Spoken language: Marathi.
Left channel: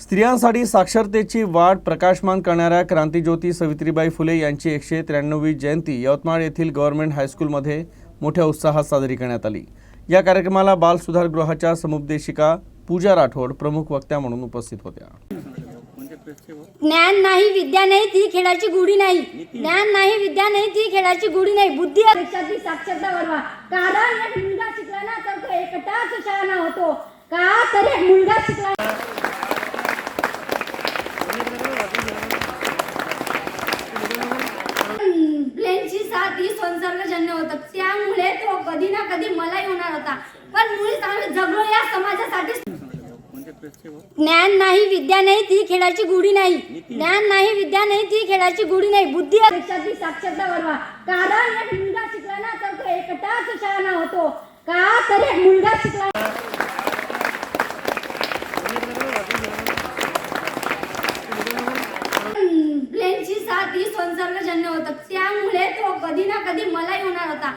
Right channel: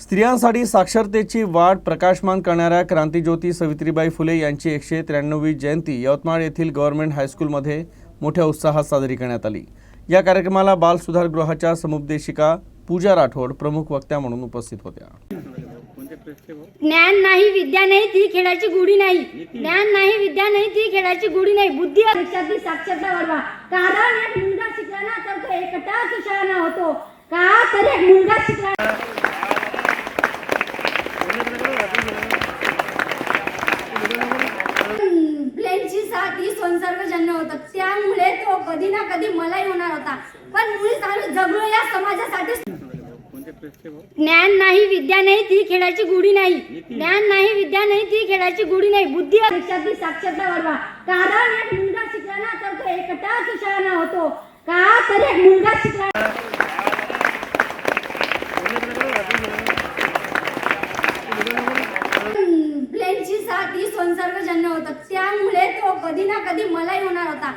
स्त्रियांसाठी साक्षरतेची वाट प्रकाशमान करणाऱ्या क्रांतीज्योती सावित्रीबाई फुले यांची एकशे त्र्याण्णवी जयंती यवतमाळ येथील गव्हर्नमेंट हायस्कूलमध्ये मोठ्या उत्साहात साजरी करण्यात आली. या कार्यक्रमाला बाल सुधार गृहाच्या समुपदेशिका पूजा राठोड प्रमुख वक्त्या म्हणून उपस्थित होत्या. ज्ञान नाही विद्या नाही ती खेळाची गुढी नाही. ज्ञान नाही विद्या नाही ती खेळाची गुढी नाही. बुद्धी साक्षरता वाढवा. कारण मुलगा शिकला ना तर एकटाच होतो. का? तर मुलगा शिकला ब्लेनची साथ ही संसर्गजन्य होतं. त्यामुळे तो कधी ना कधी मलाही होणार होता. पण मुळीच आम्ही जगलो या समाजासाठी. ज्ञान नाही विद्या नाही ती खेळाची गुढी नाही. ज्ञान नाही विद्या नाही ती खेळाची गुढी नाही. बुद्धी देशातली साक्षरता वाढवा. कारण एक मुलगा शिकला ना तर तो एकटाच शाळा होतो. का? तर एक मुलगा शिकला ब्लेनची साथ ही संसर्गजन्य होतात त्यामुळे कधी ना कधी मलाही होणार होता.